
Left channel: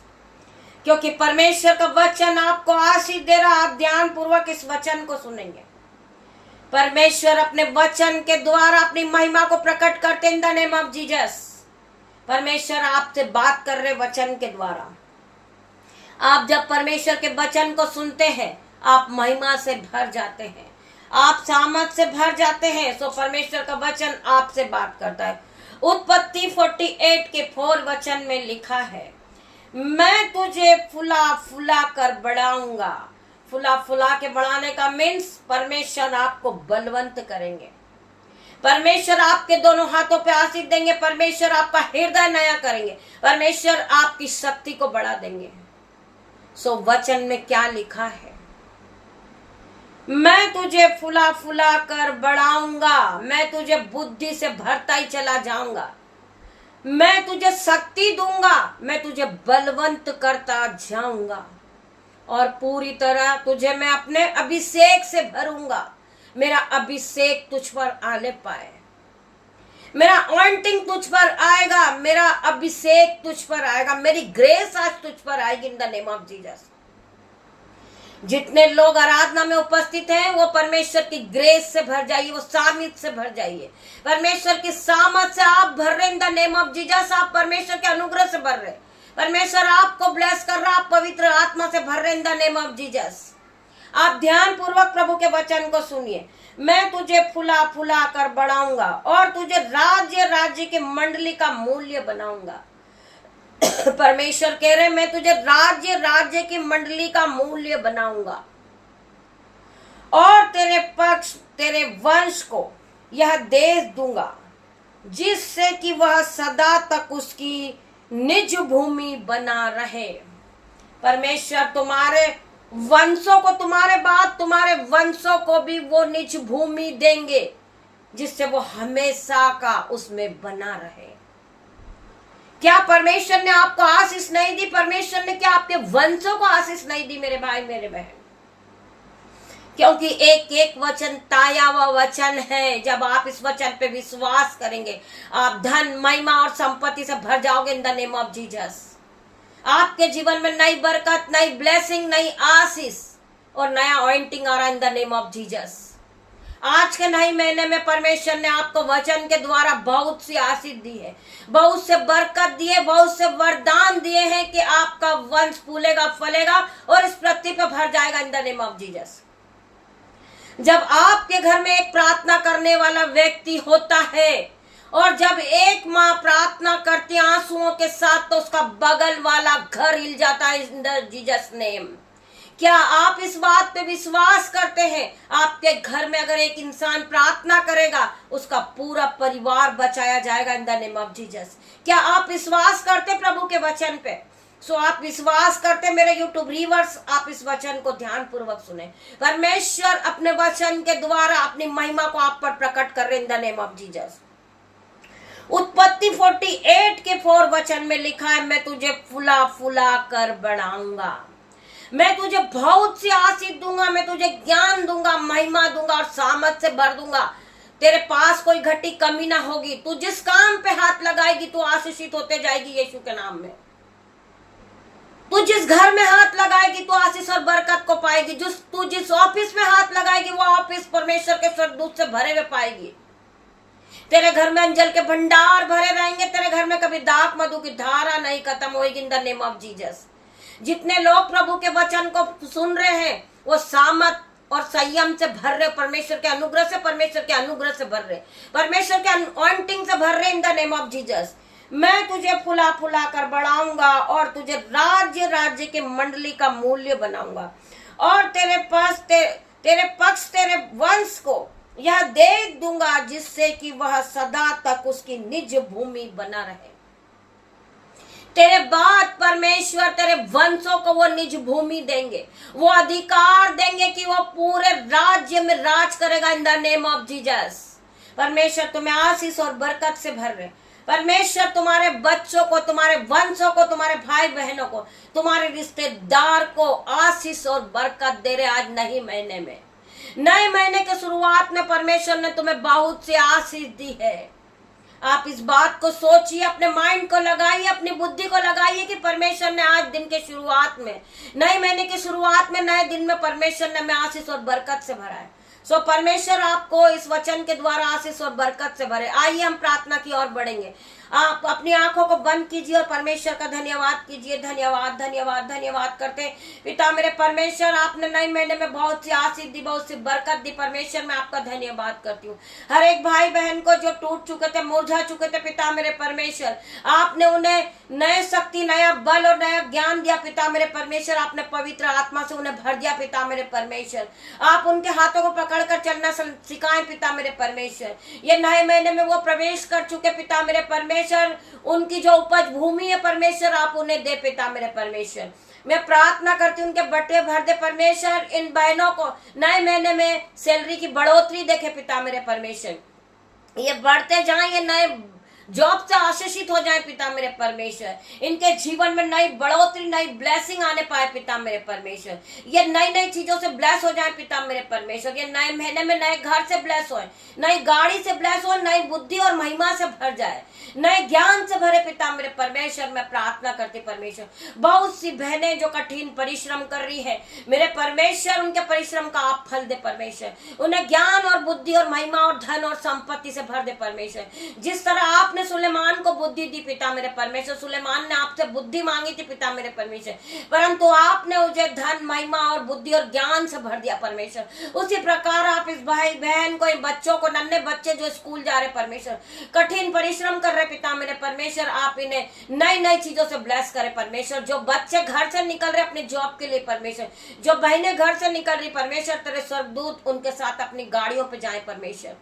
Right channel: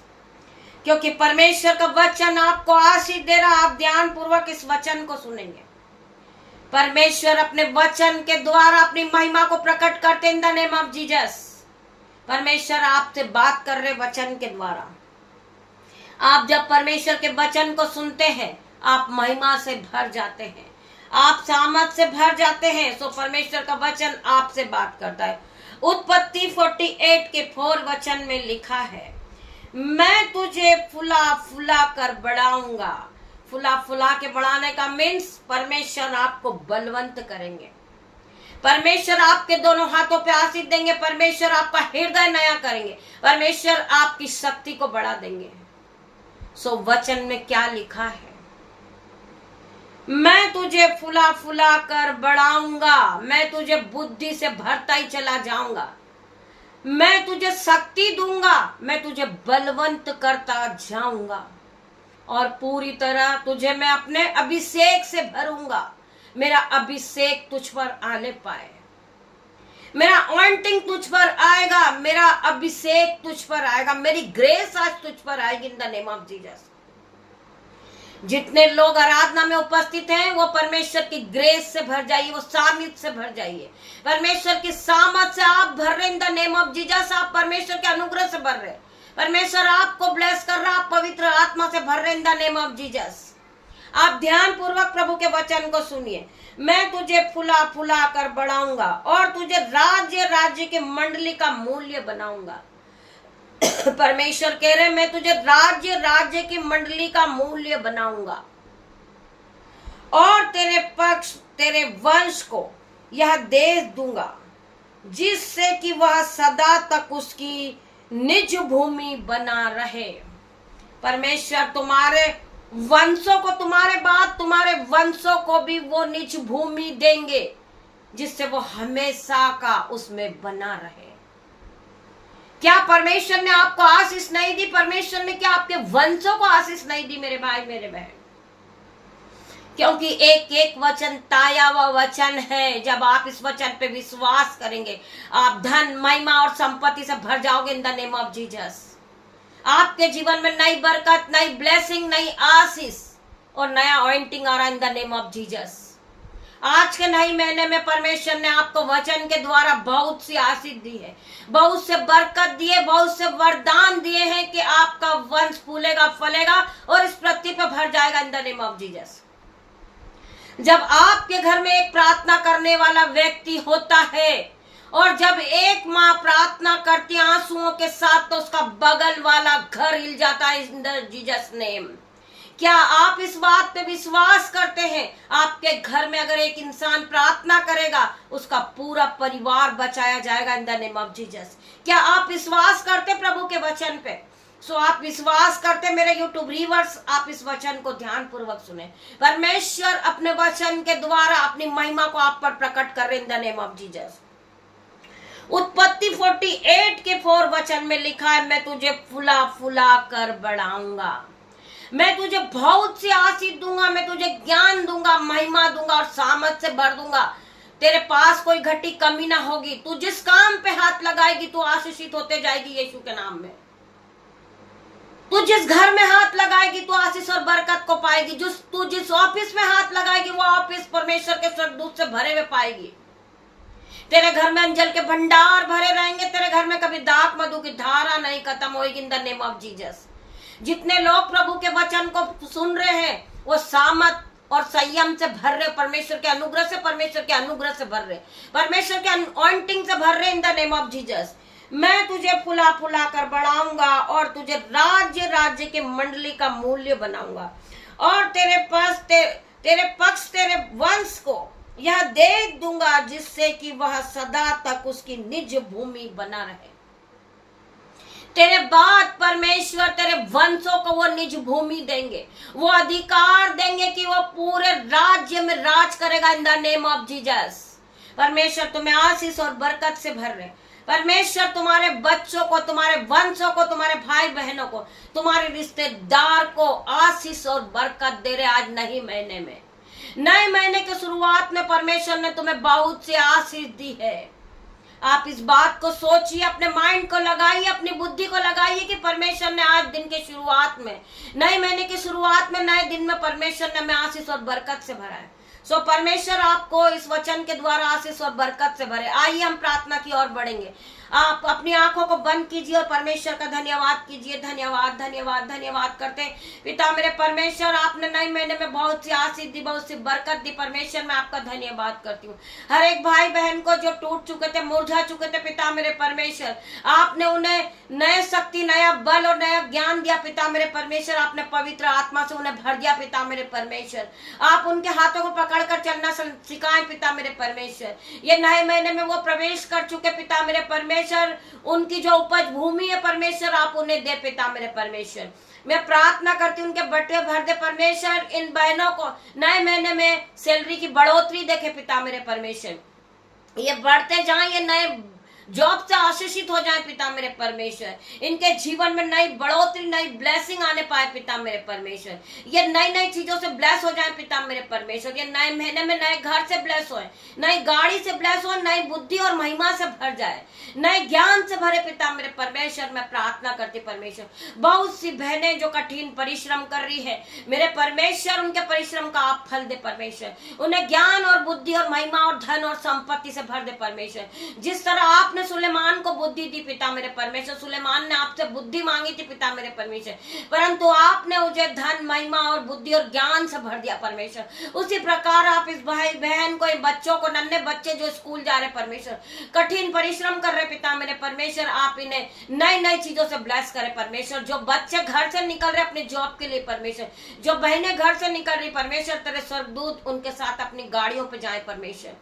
क्योंकि परमेश्वर का वचन आपको आशीष दे रहा। आप ध्यान पूर्वक इस वचन को सुनेंगे। परमेश्वर अपने वचन के द्वारा अपनी महिमा को प्रकट करते इन द नेम ऑफ जीसस। परमेश्वर आपसे बात कर रहे वचन के द्वारा। आप जब परमेश्वर के वचन को सुनते हैं आप महिमा से भर जाते हैं, आप सामर्थ से भर जाते हैं। सो परमेश्वर का वचन आपसे बात करता है। उत्पत्ति 48 के 4 वचन में लिखा है, मैं तुझे फुला फुला कर बढ़ाऊंगा। फुला फुला के बढ़ाने का मीन्स परमेश्वर आपको बलवंत करेंगे। परमेश्वर आपके दोनों हाथों पे आशीष देंगे। परमेश्वर आपका हृदय नया करेंगे। परमेश्वर आपकी शक्ति को बढ़ा देंगे। सो वचन में क्या लिखा है? मैं तुझे फुला फुला कर बढ़ाऊंगा, मैं तुझे बुद्धि से भरता ही चला जाऊंगा, मैं तुझे शक्ति दूंगा, मैं तुझे बलवंत करता जाऊंगा और पूरी तरह तुझे मैं अपने अभिषेक से भरूंगा। मेरा अभिषेक तुझ पर आने पाए, मेरा ऑइंटिंग तुझ पर आएगा, मेरा अभिषेक तुझ पर आएगा, मेरी ग्रेस आज तुझ पर आएगी इन द नेम ऑफ जीसस। जितने लोग आराधना में उपस्थित हैं वो परमेश्वर की ग्रेस से भर जाइए, वो सामर्थ से भर जाइए। परमेश्वर की सामर्थ से आप भर रहे in the name of Jesus. आप परमेश्वर के अनुग्रह से भर रहे, परमेश्वर आपको ब्लेस कर रहा, आप पवित्र आत्मा से भर रहे in the name of Jesus. आप ध्यान पूर्वक प्रभु के वचन को सुनिए। मैं तुझे फुला फुला कर बढ़ाऊंगा और तुझे राज्य राज्य की मंडली का मूल्य बनाऊंगा। परमेश्वर कह रहे मैं तुझे राज्य राज्य की मंडली का मूल्य बनाऊंगा और तेरे पक्ष तेरे वंश को यह देश दूंगा जिससे कि वह सदा तक उसकी निज भूमि बना रहे। परमेश्वर तुम्हारे वंशों को, तुम्हारे बाद तुम्हारे वंशों को भी वो निज भूमि देंगे जिससे वो हमेशा का उसमें बना रहे। क्या परमेश्वर ने आपको आशीष नहीं दी? परमेश्वर ने क्या आपके वंशों को आशीष नहीं दी मेरे भाई मेरे बहन? क्योंकि एक एक वचन ताया हुआ वचन है। जब आप इस वचन पे विश्वास करेंगे आप धन, महिमा और संपत्ति से भर जाओगे इन द नेम ऑफ जीसस। आपके जीवन में नई बरकत, नई ब्लेसिंग, नई आशीष और नया ऑइंटिंग आ रहा है इन द नेम ऑफ जीसस। आज के नए महीने में परमेश्वर ने आपको वचन के द्वारा बहुत सी आशीष दी है, बहुत से बरकत दिए, बहुत से वरदान दिए हैं कि आपका वंश फूलेगा, फलेगा और इस पृथ्वी पर भर जाएगा इन द नेम ऑफ जीसस। जब आपके घर में एक प्रार्थना करने वाला व्यक्ति होता है और जब एक माँ प्रार्थना करती आंसुओं के साथ तो उसका बगल वाला घर हिल जाता है इन द जीसस नेम। क्या आप इस बात पे विश्वास करते हैं? आपके घर में अगर एक इंसान प्रार्थना करेगा उसका पूरा परिवार बचाया जाएगा इन द नेम ऑफ जीसस। क्या आप विश्वास करते प्रभु के वचन पे? सो आप विश्वास करते मेरे यूट्यूब रीवर्स, आप इस वचन को ध्यान पूर्वक सुने। परमेश्वर अपने वचन के द्वारा अपनी महिमा को आप पर प्रकट कर रहे in the name of Jesus. उत्पत्ति 48 के 4 वचन में लिखा है, मैं तुझे फुला फुला कर बढ़ाऊंगा, मैं तुझे बहुत सी आशीष दूंगा, मैं तुझे ज्ञान दूंगा, महिमा दूंगा और सामर्थ से भर दूंगा। तेरे पास कोई घटी कमी ना होगी। तू जिस काम पे हाथ लगाएगी तू आशीषित होते जाएगी यीशु के नाम में। तू जिस घर में हाथ लगाएगी तू आशीष और बरकत को पाएगी। तू जिस ऑफिस में हाथ लगाएगी वो ऑफिस परमेश्वर के स्वर्गदूत से भरे हुए पाएगी। तेरे घर में अंजल के भंडार भरे रहेंगे। तेरे घर में कभी दाख मधु की धारा नहीं खत्म होगी इन द नेम ऑफ जीसस। जितने लोग प्रभु के वचन को सुन रहे हैं वो सामत और संयम से भर रहे, परमेश्वर के अनुग्रह से भर रहे, परमेश्वर के अनॉइंटिंग से भर रहे in the name of Jesus. मैं तुझे फुला फुला कर बढ़ाऊंगा और तुझे राज्य के मंडली का मूल्य बनाऊंगा और तेरे पक्ष तेरे वंश को यह दे दूंगा जिससे कि वह सदा तक उसकी निज भूमि बना रहे। तेरे बाद परमेश्वर तेरे वंशों को वो निज भूमि देंगे, वो अधिकार देंगे कि वो पूरे राज्य में राज करेगा इन द नेम ऑफ जीसस। परमेश्वर तुम्हें आशीष और बरकत से भर रहे। परमेश्वर तुम्हारे बच्चों को, तुम्हारे वंशों को, तुम्हारे भाई बहनों को, तुम्हारे रिश्तेदार को आशीष और बरकत दे रहे। आज नए महीने के शुरुआत में परमेश्वर ने तुम्हें बहुत सी आशीष दी है। आप इस बात को सोचिए, अपने माइंड को लगाइए, अपनी बुद्धि को लगाइए कि परमेश्वर ने आज दिन के शुरुआत में, नए महीने की शुरुआत में, नए दिन में परमेश्वर ने हमें आशीष और बरकत से भरा है। सो परमेश्वर आपको इस वचन के द्वारा आशीष और बरकत से भरे। आइए हम प्रार्थना की ओर बढ़ेंगे। आप अपनी आंखों को बंद कीजिए और परमेश्वर का धन्यवाद कीजिए। धन्यवाद करते पिता मेरे परमेश्वर, आपने नए महीने में बहुत सी आशीष दी, बहुत सी बरकत दी। परमेश्वर मैं आपका धन्यवाद करती हूँ। हर एक भाई बहन को जो टूट चुके थे, मुरझा चुके थे, पिता मेरे परमेश्वर आपने उन्हें नए शक्ति, नया बल और नया ज्ञान दिया। पिता मेरे परमेश्वर आपने पवित्र आत्मा से उन्हें भर दिया। पिता मेरे परमेश्वर आप उनके हाथों को पकड़कर चलना सिखाएं। पिता मेरे परमेश्वर ये नए महीने में वो प्रवेश कर चुके। पिता मेरे परमेश्वर उनकी जो उपज भूमि है परमेश्वर आप उन्हें दे। पिता मेरे परमेश्वर मैं प्रार्थना करती हूँ उनके बटुए भर दे। परमेश्वर इन बहनों को नए महीने में सैलरी की बढ़ोतरी देखे। पिता मेरे परमेश्वर ये बढ़ते जाएं, ये नए जॉब से आशीषित हो जाए। पिता मेरे परमेश्वर इनके जीवन में नई बढ़ोतरी, नई ब्लेसिंग आने पाए। पिता मेरे परमेश्वर ये नई चीजों से ब्लेस हो जाए। पिता मेरे परमेश्वर ये नए महीने में नए घर से ब्लेस हो, नई गाड़ी से ब्लेस हो, नई बुद्धि और महिमा से भर जाए, नए ज्ञान से भरे। पिता मेरे परमेश्वर मैं प्रार्थना करती परमेश्वर बहुत सी बहनें जो कठिन परिश्रम कर रही है, मेरे परमेश्वर उनके परिश्रम का आप फल दे। परमेश्वर उन्हें ज्ञान और बुद्धि और महिमा और धन और संपत्ति से भर दे। परमेश्वर जिस तरह आपने सुलेमान को बुद्धि दी पिता मेरे परमेश्वर, सुलेमान ने आपसे बुद्धि मांगी थी पिता मेरे परमेश्वर, परंतु आपने उसे धन, महिमा और बुद्धि और ज्ञान से भर दिया। परमेश्वर उसी प्रकार आप इस भाई बहन को, इन बच्चों को, नन्हे बच्चे जो स्कूल जा रहे परमेश्वर, कठिन परिश्रम कर रहे पिता मेरे परमेश्वर, आप इन्हें नई चीजों से ब्लेस करें। परमेश्वर जो बच्चे घर से निकल रहे अपनी जॉब के लिए परमेश्वर, जो बहनें घर से निकल रही परमेश्वर, तेरे स्वर्गदूत उनके साथ अपनी गाड़ियों पे जाए। परमेश्वर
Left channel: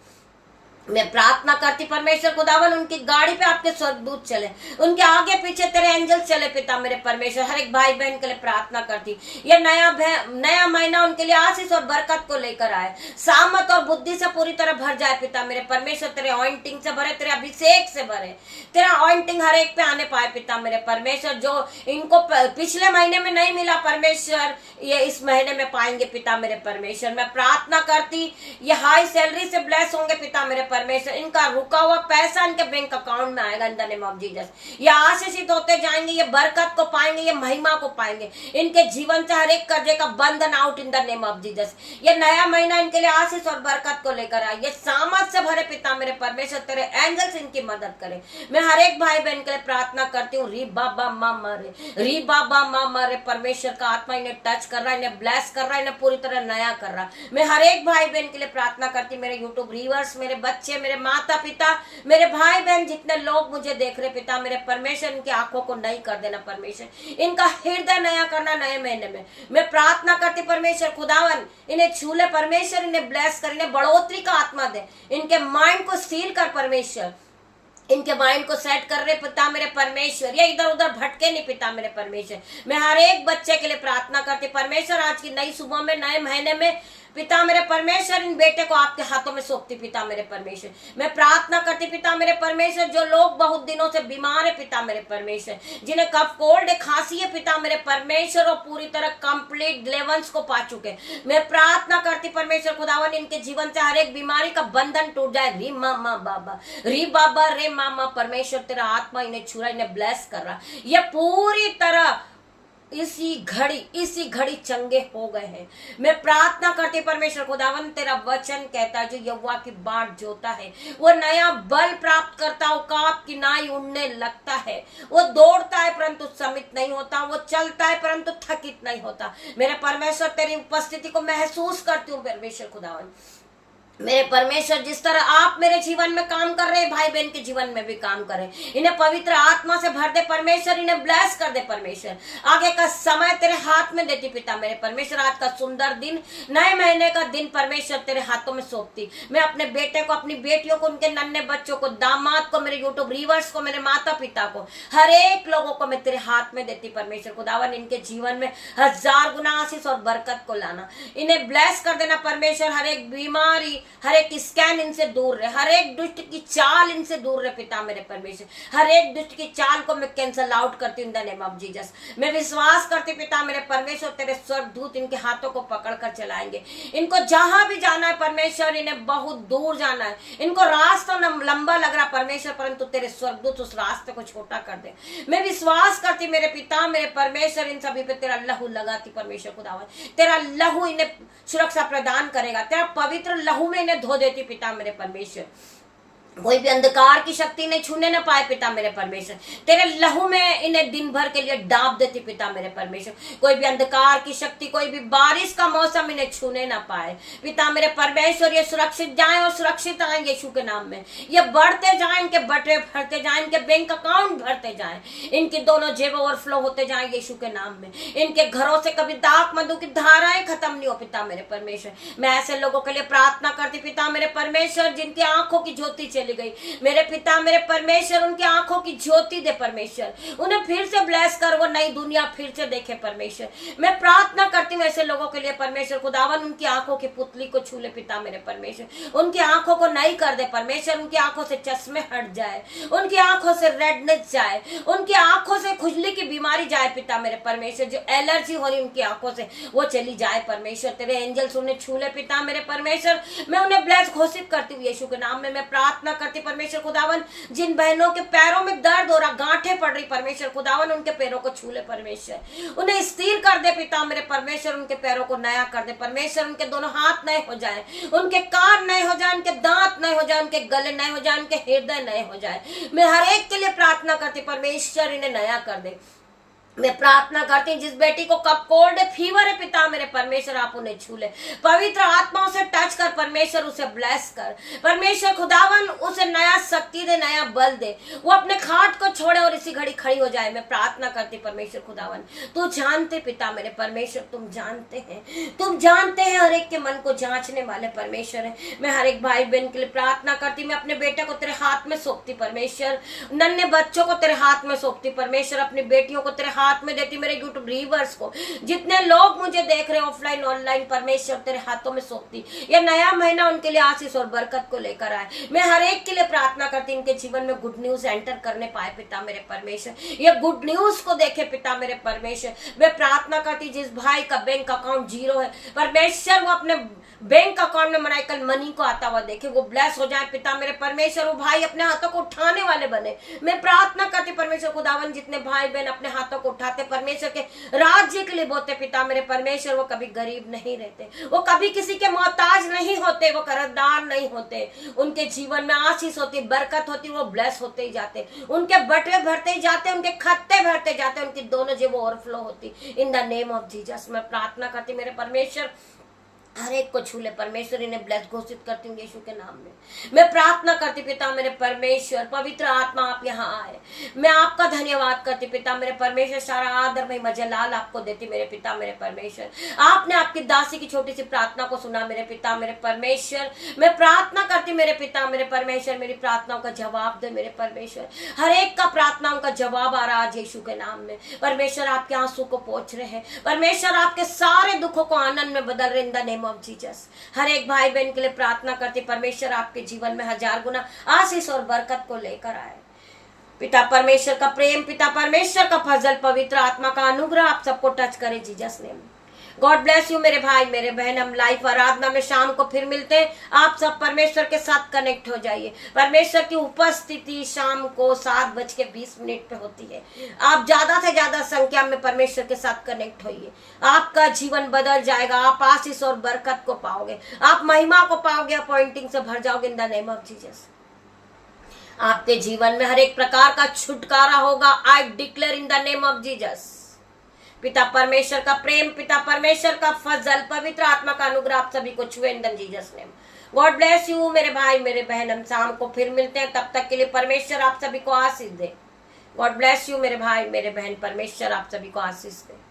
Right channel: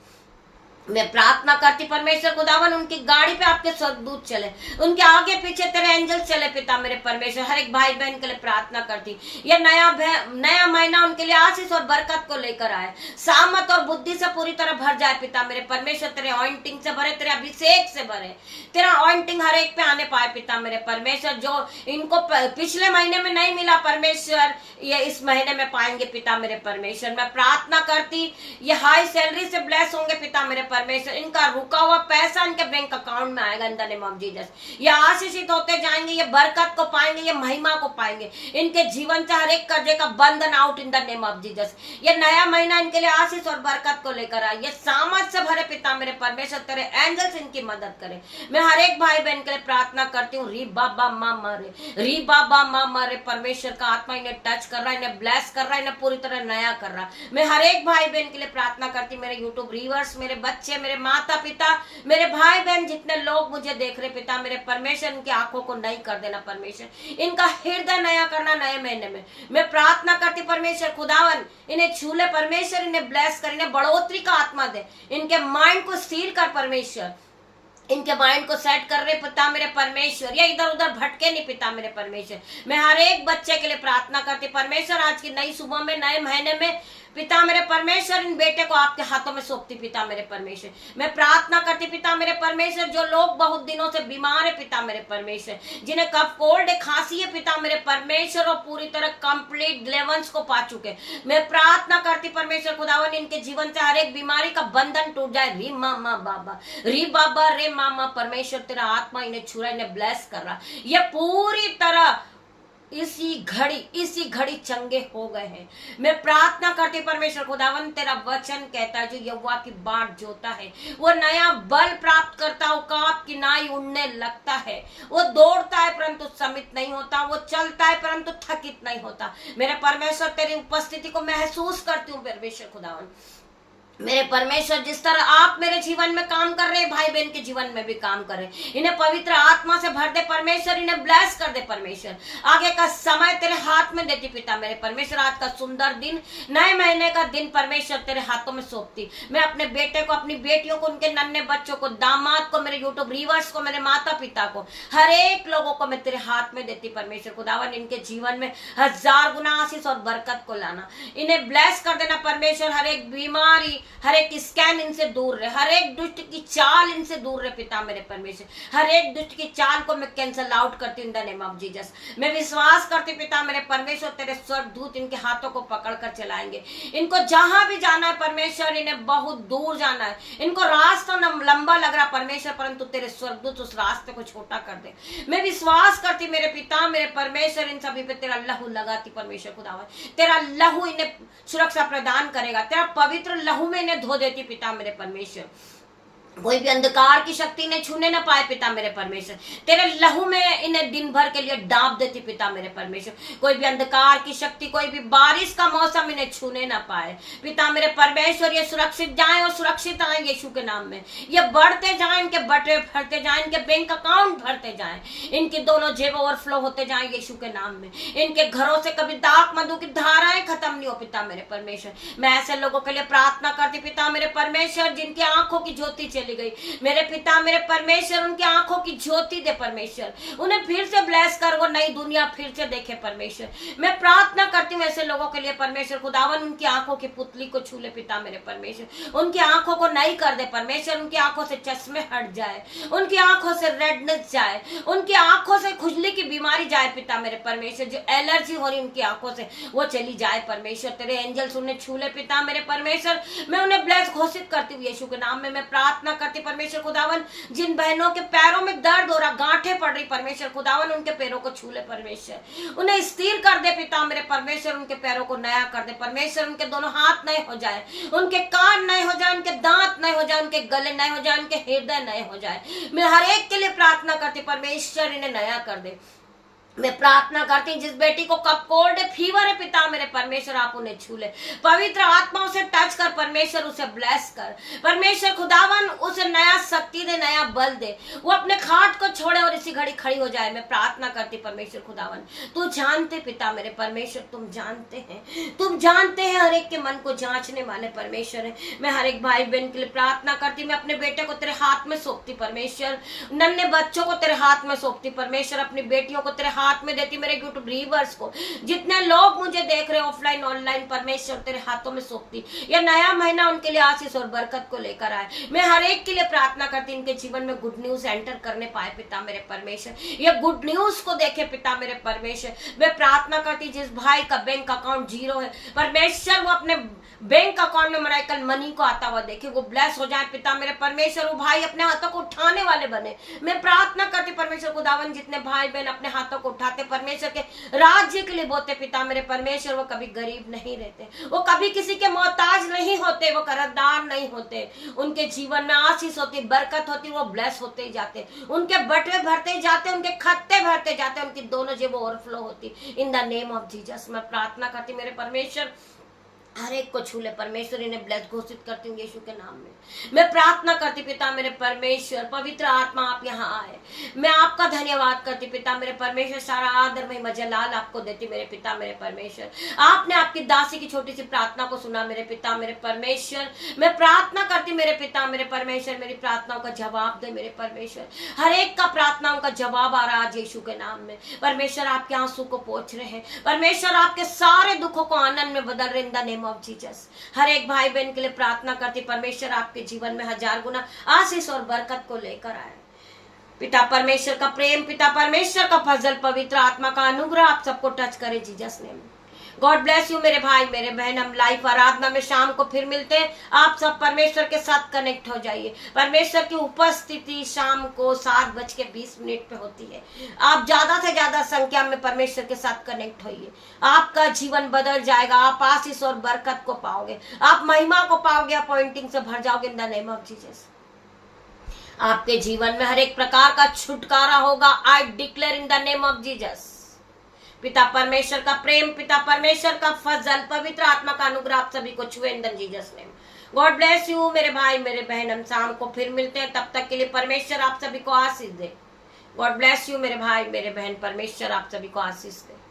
मैं प्रार्थना करती परमेश्वर खुदावन उनकी गाड़ी पे आपके स्वर्गदूत चले, उनके आगे पीछे तेरे एंजल चले। पिता मेरे परमेश्वर हर एक भाई बहन के लिए प्रार्थना करती ये नया महीना उनके लिए आशीष और बरकत को लेकर आए, सामत और बुद्धि से पूरी तरह भर जाए। पिता मेरे परमेश्वर तेरे ऑइंटिंग से भरे, तेरे अभिषेक से भरे, तेरा ऑइंटिंग हर एक पे आने पाए। पिता मेरे परमेश्वर जो इनको पिछले महीने में नहीं मिला परमेश्वर ये इस महीने में पाएंगे। पिता मेरे परमेश्वर मैं प्रार्थना करती ये हाई सैलरी से ब्लेस होंगे। पिता मेरे परमेश्वर इनका रुका हुआ पैसा इनके बैंक अकाउंट में आएगा इन द नेम ऑफ जीसस। ये आशीषित होते जाएंगे, ये बरकत को पाएंगे, ये महिमा को पाएंगे। इनके जीवन से हर एक कर्जे का बंधन out in the name of Jesus. ये नया महीना इनके लिए आशीष और बरकत को लेकर आए, ये सामर्थ से भरे। पिता मेरे परमेश्वर तेरे एंजल्स इनकी मदद करे। मैं हर एक भाई बहन के लिए प्रार्थना करती हूँ री बाबा माँ मारे परमेश्वर का आत्मा इन्हें टच कर रहा है, इन्हें ब्लेस कर रहा है, इन्हें पूरी तरह नया कर रहा। मैं हर एक भाई बहन के लिए प्रार्थना करती, मेरे यूट्यूब व्यूअर्स, मेरे बच्चे, मेरे माता पिता, मेरे भाई बहन, जितने लोग मुझे देख रहे पिता मेरे परमेश्वर इनकी आंखों को नई कर देना परमेश्वर, इनका हृदय नया करना नए महीने में। मैं प्रार्थना करती परमेश्वर खुदावन इन्हें छूले परमेश्वर, इन्हें ब्लेस कर, इन्हें बढ़ोतरी का आत्मा दे, इनके माइंड को सील कर परमेश्वर, इनके माइंड को सेट कर रहे पिता मेरे परमेश्वर, या इधर उधर भटके नहीं पिता मेरे परमेश्वर। मैं हर एक बच्चे के लिए प्रार्थना करती परमेश्वर, आज की नई सुबह में, नए महीने में पिता मेरे परमेश्वर, इन बेटे को आपके हाथों में सौंपती पिता मेरे परमेश्वर। मैं प्रार्थना करती पिता मेरे परमेश्वर, जो लोग बहुत दिनों से बीमार है पिता मेरे परमेश्वर, जिन्हें कफ कोल्ड खांसी है पिता मेरे परमेश्वर, और पूरी तरह कंप्लीट डिलीवरेंस को पा चुके, मैं प्रार्थना करती परमेश्वर खुदावन, इनके जीवन से हर एक बीमारी का बंधन टूट जाए। री मामा बाबा, री बाबा रे मामा परमेश्वर, तेरा आत्मा इन्हें छू रहा, इन्हें ब्लेस कर रहा, ये पूरी तरह इसी घड़ी चंगे हो गए हैं। मैं प्रार्थना करती परमेश्वर खुदावन, तेरा वचन कहता है जो यहोवा की बाट जोता है वो नया बल प्राप्त करता है, उकाब की नाई उड़ने लगता है, वो दौड़ता है परंतु समित नहीं होता, वो चलता है परंतु थकित नहीं होता। मेरे परमेश्वर तेरी उपस्थिति को महसूस करती हूँ परमेश्वर खुदावन, मेरे परमेश्वर, जिस तरह आप मेरे जीवन में काम कर रहे, भाई बहन के जीवन में भी काम कर रहे, इन्हें पवित्र आत्मा से भर दे परमेश्वर, इन्हें ब्लेस कर दे परमेश्वर। आगे का समय तेरे हाथ में देती पिता मेरे परमेश्वर, आज का सुंदर दिन, नए महीने का दिन परमेश्वर तेरे हाथों में सौंपती। मैं अपने बेटे को, अपनी बेटियों को, उनके नन्हे बच्चों को, दामाद को, मेरे यूट्यूब व्यूअर्स को, मेरे माता पिता को, हर एक लोगों को मैं तेरे हाथ में देती परमेश्वर खुदावन, इनके जीवन में 1000 गुना आशीष और बरकत को लाना, इन्हें ब्लेस कर देना परमेश्वर। हर एक बीमारी, हर एक स्कैन इनसे दूर रहे, हर एक दुष्ट की चाल इनसे दूर रहे पिता मेरे परमेश्वर, हर एक दुष्ट की चाल को मैं कैंसल आउट करती हूँ इन द नेम ऑफ जीसस। मैं विश्वास करती पिता मेरे परमेश्वर, तेरे स्वर्गदूत इनके हाथों को पकड़कर चलाएंगे, इनको जहां भी जाना है परमेश्वर, इन्हें बहुत दूर जाना है, इनको रास्ता लंबा लग रहा परमेश्वर, परंतु तेरे स्वर्गदूत उस रास्ते को छोटा कर दे। मैं विश्वास करती मेरे पिता मेरे परमेश्वर, इन सभी पे तेरा लहू लगाती परमेश्वर खुदावन, तेरा लहू इन्हें सुरक्षा प्रदान करेगा, तेरा पवित्र लहू में इन्हें धो देती पिता मेरे परमेश्वर। कोई भी अंधकार की शक्ति ने छूने न पाए पिता मेरे परमेश्वर, तेरे लहू में इन्हें दिन भर के लिए डाब देती पिता मेरे परमेश्वर। कोई भी अंधकार की शक्ति, कोई भी बारिश का मौसम इन्हें छूने न पाए पिता मेरे परमेश्वर। ये सुरक्षित जाएं और सुरक्षित आएं यीशु के नाम में, ये बढ़ते जाएं, इनके बटवे भरते जाएं, इनके बैंक अकाउंट भरते जाएं, इनकी दोनों जेब ओवरफ्लो होते जाएं यीशु के नाम में। इनके घरों से कभी दाख मधु की धाराएं खत्म नहीं हो पिता मेरे परमेश्वर। मैं ऐसे लोगों के लिए प्रार्थना करती पिता मेरे परमेश्वर, जिनकी आंखों की ज्योति चली गई, मेरे पिता मेरे परमेश्वर, उनकी आंखों की ज्योति दे परमेश्वर, उन्हें फिर से ब्लेस कर, वो नई दुनिया फिर से देखे परमेश्वर। मैं प्रार्थना करती हूँ ऐसे लोगों के लिए परमेश्वर खुदावन, उनकी आंखों की पुतली को छू ले पिता मेरे परमेश्वर, उनकी आंखों को नई कर दे परमेश्वर, उनकी आंखों से चश्मे हट जाए, उनकी आंखों से रेडनेस जाए, उनकी आंखों से खुजली की बीमारी जाए पिता मेरे परमेश्वर, जो एलर्जी हो रही उनकी आंखों से वो चली जाए परमेश्वर। तेरे एंजल्स उन्हें छू ले पिता मेरे परमेश्वर, मैं उन्हें ब्लेस घोषित करती हूँ यीशु के नाम में। मैं प्रार्थना करती परमेश्वर खुदावन, जिन बहनों के पैरों में दर्द हो रहा, गांठें पड़ रही परमेश्वर खुदावन, उनके पैरों को छू ले परमेश्वर, उन्हें स्थिर कर दे पिता मेरे परमेश्वर, उनके पैरों को नया कर दे परमेश्वर, उनके दोनों हाथ नए हो जाए, उनके कान नए हो जाए, उनके दांत नए हो जाए, उनके गले नए हो जाए, उनके हृदय नए हो जाए। मैं हर एक के लिए प्रार्थना करती परमेश्वर, इन्हें नया कर दे। मैं प्रार्थना करती हूँ जिस बेटी को कफ कोल्ड फीवर है पिता मेरे परमेश्वर, आप उन्हें छू ले, पवित्र आत्मा उसे टच कर परमेश्वर, उसे ब्लेस कर परमेश्वर खुदावन, उसे नया शक्ति दे, नया बल दे, वो अपने खाट को छोड़े और इसी घड़ी खड़ी हो जाए। मैं प्रार्थना करती परमेश्वर खुदावन, तू जानते पिता मेरे परमेश्वर, तुम जानते हैं हर एक के मन को जांचने वाले परमेश्वर है। मैं हर एक भाई बहन के लिए प्रार्थना करती, मैं अपने बेटे को तेरे हाथ में सौंपती परमेश्वर, नन्हे बच्चों को तेरे हाथ में सौंपती परमेश्वर, अपनी बेटियों को तेरे हाथ में देती, मेरे यूट्यूब व्यूअर्स को, जितने लोग मुझे देख रहे ऑफलाइन ऑनलाइन परमेश्वर तेरे हाथों में सौंपती। ये नया महीना उनके लिए आशीष और बरकत को लेकर आए। मैं हर एक के लिए प्रार्थना करती, इनके जीवन में गुड न्यूज एंटर करने पाए पिता मेरे परमेश्वर, ये गुड न्यूज को देखे पिता मेरे परमेश्वर। मैं प्रार्थना करती जिस भाई का बैंक अकाउंट 0 है परमेश्वर, वो अपने बैंक अकाउंट में मराइकल मनी को आता हुआ देखे, वो ब्लेस हो जाए पिता मेरे परमेश्वर, वो भाई अपने हाथों को उठाने वाले बने। मैं प्रार्थना करती परमेश्वर खुदावन, जितने भाई बहन अपने हाथों को उठाते परमेश्वर के राज्य के लिए बोते पिता मेरे परमेश्वर, वो कभी गरीब नहीं रहते, वो कभी किसी के मोहताज नहीं होते, वो कर्जदार नहीं होते, उनके जीवन में आशीष होती, बरकत होती, वो ब्लेस होते ही जाते, उनके बटवे भरते ही जाते, उनके खत्ते भरते जाते, उनकी दोनों जेब ओवरफ्लो होती इन द नेम ऑफ जीसस। मैं प्रार्थना करती मेरे परमेश्वर, हर एक को छू ले परमेश्वर। इन्हें ब्लेस घोषित करती हूँ यीशु के नाम में। मैं प्रार्थना करती पिता मेरे परमेश्वर, पवित्र आत्मा आप यहाँ आए। मैं आपका धन्यवाद करती पिता मेरे परमेश्वर। सारा आदर महिमा जलाल आपको देती मेरे पिता मेरे परमेश्वर। आपने आपकी दासी की छोटी सी प्रार्थना को सुना मेरे पिता मेरे परमेश्वर। मैं प्रार्थना करती मेरे पिता मेरे परमेश्वर, मेरी प्रार्थनाओं का जवाब दे मेरे परमेश्वर। हर एक का प्रार्थनाओं का जवाब आ रहा आज यीशु के नाम में। परमेश्वर आपके आंसू को पोंछ रहे हैं परमेश्वर, आपके सारे दुखों को आनंद में बदल रहे in the name of Jesus. हर एक भाई बहन के लिए प्रार्थना करती परमेश्वर आपके जीवन में 1000 गुना आशीष और बरकत को लेकर आए। पिता परमेश्वर का प्रेम, पिता परमेश्वर का फजल, पवित्र आत्मा का अनुग्रह आप सबको टच करे Jesus name. God bless you मेरे भाई मेरे बहन। हम लाइव आराधना में शाम को फिर मिलते हैं। आप सब परमेश्वर के साथ कनेक्ट हो जाइए। परमेश्वर की उपस्थिति शाम को 7:20 पे होती है। आप ज्यादा से ज्यादा संख्या में परमेश्वर के साथ कनेक्ट होइए। आपका जीवन बदल जाएगा। आप आशीष और बरकत को पाओगे, आप महिमा को पाओगे, अपॉइंटिंग से भर जाओगे इन द नेम ऑफ जीसस। आपके जीवन में हर एक प्रकार का छुटकारा होगा। I declare in the name of Jesus. पिता परमेश्वर का प्रेम, पिता परमेश्वर का फजल, पवित्र आत्मा का अनुग्रह आप सभी को छुए in the Jesus name. God bless you मेरे भाई मेरे बहन। हम शाम को फिर मिलते हैं। तब तक के लिए परमेश्वर आप सभी को आशीष दे। गॉड ब्लेस यू मेरे भाई मेरे बहन। परमेश्वर आप सभी को आशीष दे।